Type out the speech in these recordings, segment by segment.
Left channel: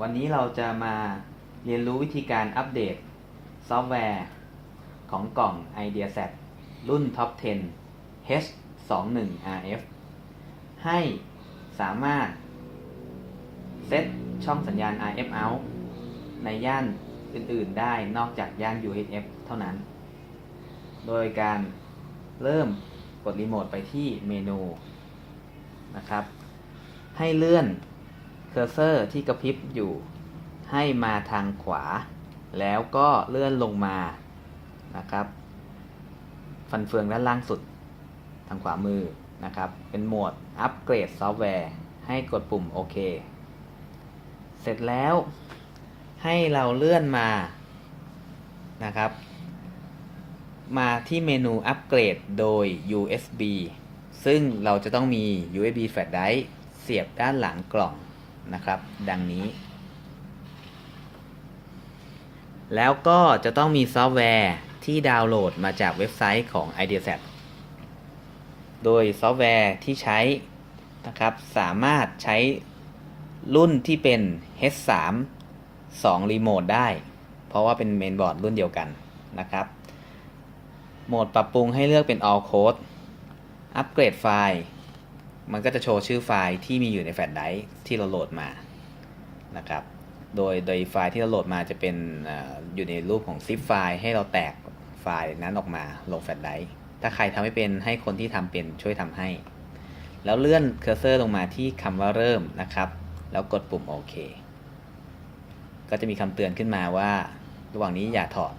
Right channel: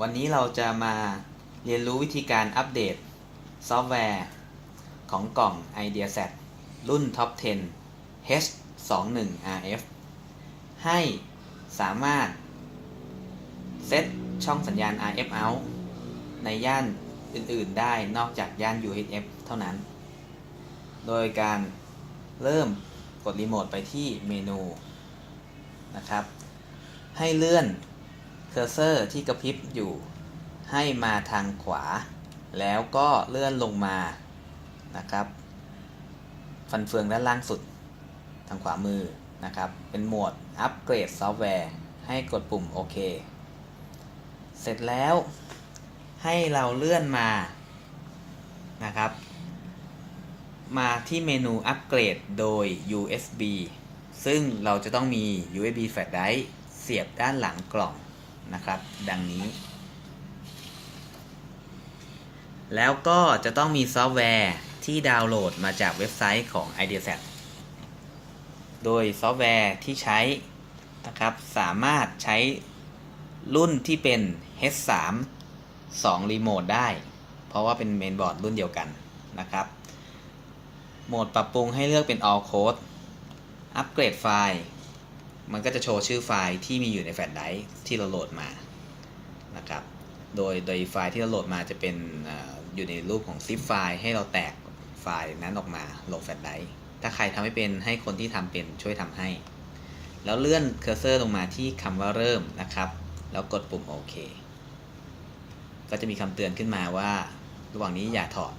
วันนี้เราจะมาเรียนรู้วิธีการอัปเดตซอฟต์แวร์ ของกล่อง IdeaSet รุ่น Top 10 H21RF ให้สามารถ เซตช่องสัญญาณ RF out ในย่านอื่น ๆ ได้นอกจากย่าน UHF เท่านั้น โดยการเริ่มกดรีโมทไปที่เมนูนะครับ ให้เลื่อน เคอร์เซอร์ที่กระพริบอยู่ให้มาทางขวา แล้วก็เลื่อนลงมานะครับ ฟันเฟืองด้านล่างสุดทางขวามือนะครับ เป็นโหมดอัปเกรดซอฟต์แวร์ให้กดปุ่มโอเค เสร็จแล้วให้เราเลื่อนมานะครับ มาที่เมนูอัปเกรดโดย USB ซึ่งเราจะต้องมี USB flash drive เสียบด้านหลังกล่อง นะครับ ดังนี้ แล้วก็จะต้องมีซอฟต์แวร์ที่ดาวน์โหลดมาจากเว็บไซต์ของ IdeaSet โดยซอฟต์แวร์ที่ใช้นะครับสามารถใช้รุ่นที่เป็น H3 2รีโมทได้ เพราะว่าเป็นเมนบอร์ดรุ่นเดียวกันนะครับโหมดปรับปรุงให้เลือกเป็น all code อัปเกรดไฟล์ มันก็จะโชว์ชื่อไฟล์ที่มีอยู่ในแฟลชไดร์ที่เราโหลดมานะครับ โดยโดยไฟล์ที่เราโหลดมาจะเป็นออยู่ในรูปของ zip ไฟล์ให้เราแตกไฟล์นั้นออกมาลงแฟลชไดร์ถ้าใครทำไม่เป็นให้คนที่ทำเป็นช่วยทำให้ แล้วเลื่อนเคอร์เซอร์ลงมาที่คำว่าเริ่มนะครับ แล้วกดปุ่มโอเค ก็จะมีคำเตือนขึ้นมาว่า ระหว่างนี้อย่าถอด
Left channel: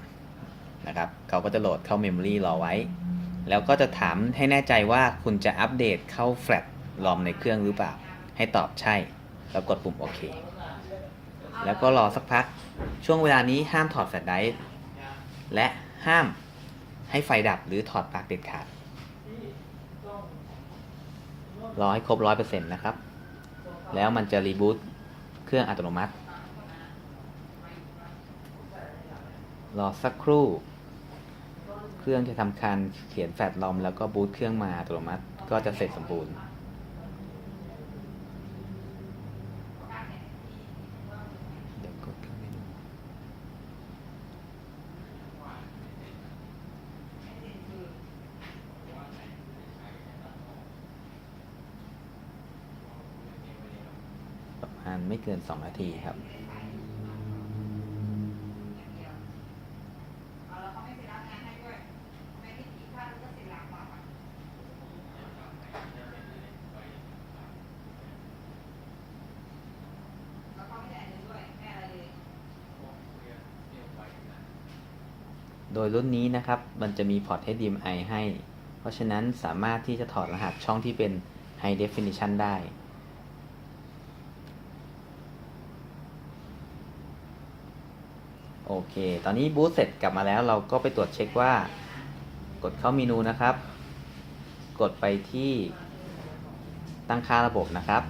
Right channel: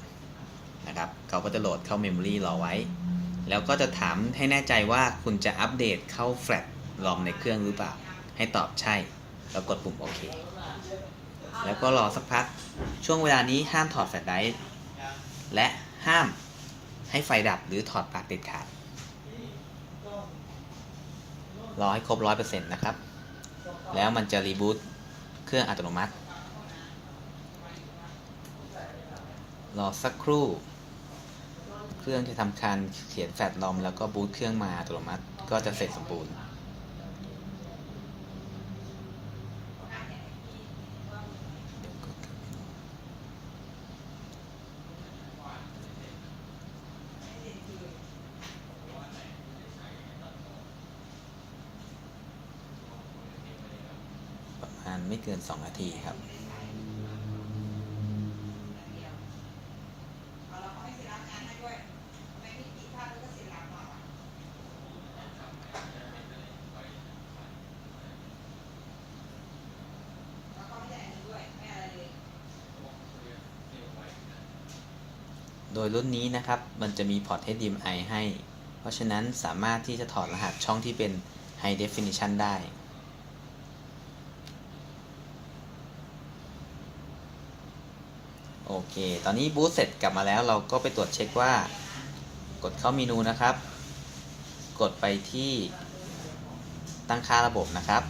นะครับเขาก็จะโหลดเข้าเมมโมรีรอไว้ แล้วก็จะถามให้แน่ใจว่าคุณจะอัปเดตเข้าแฟลช รอมในเครื่องหรือเปล่า ให้ตอบใช่ แล้วกดปุ่มโอเค แล้วก็รอสักพัก ช่วงเวลานี้ห้ามถอดแฟลชไดร์ และห้ามให้ไฟดับหรือถอดปลั๊กเด็ดขาด รอให้ครบ 100%นะครับ แล้วมันจะรีบูตเครื่องอัตโนมัติ รอสักครู่ เครื่องจะทำการเขียนแฟลชลอมแล้วก็บูตเครื่องมาอัตโนมัติ ก็จะเสร็จสมบูรณ์ เดี๋ยวกดเข้าเมนู ประมาณไม่เกิน 2 นาทีครับโดยรุ่นนี้นะครับ มันจะมีพอร์ต HDMI ให้ เพราะฉะนั้นสามารถที่จะถอดรหัสช่องที่เป็น High Definition ได้ โอเค ตอนนี้บูตเสร็จกลับมาแล้วเราก็ไปตรวจเช็คว่า กดเข้าเมนูนะครับ กดไปที่ตั้งค่าระบบนะครับ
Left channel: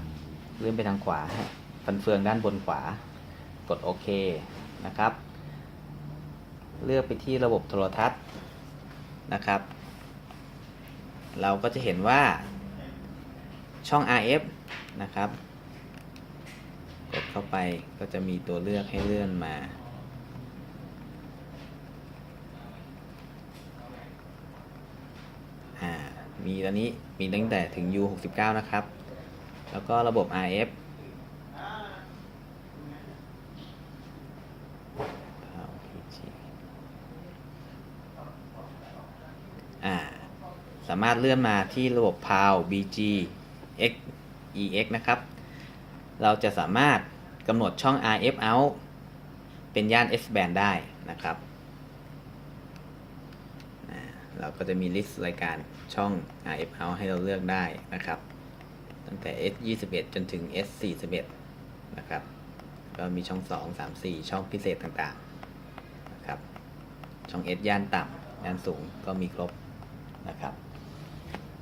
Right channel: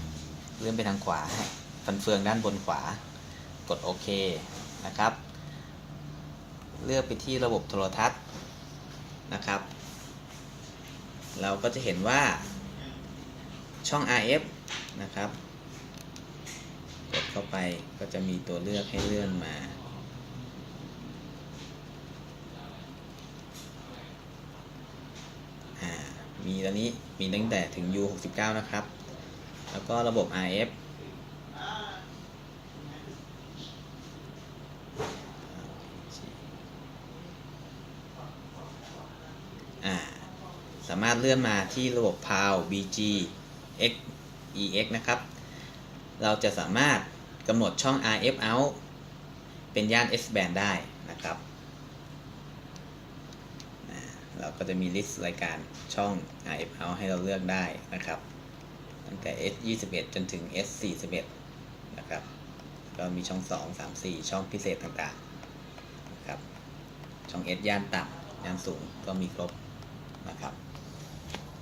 เลื่อนไปทางขวาฟันเฟืองด้านบนขวา กดโอเคนะครับ เลือกไปที่ระบบโทรทัศน์นะครับ เราก็จะเห็นว่าช่อง RF นะครับ กดเข้าไปก็จะมีตัวเลือกให้เลื่อนมาอ่า มีตอนนี้มีตั้งแต่ถึง U69 นะครับ แล้วก็ระบบ RF สามารถเลื่อนมาที่ระบบ PAL BG X EX นะครับ เราจะสามารถกำหนดช่อง RF out เป็นย่าน S band ได้นะครับ เราก็จะมีลิสต์รายการช่อง RF out ให้เราเลือกได้นะครับ ตั้งแต่ S 21 จนถึง S 41 นะครับ ก็มีช่อง 2 3 4 ช่องพิเศษต่างๆนะครับ ช่อง S ย่านต่ำย่านสูงก็มีครบนะครับ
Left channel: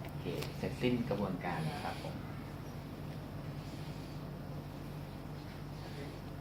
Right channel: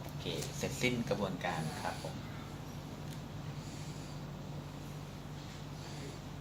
โอเค เสร็จสิ้นกระบวนการครับผม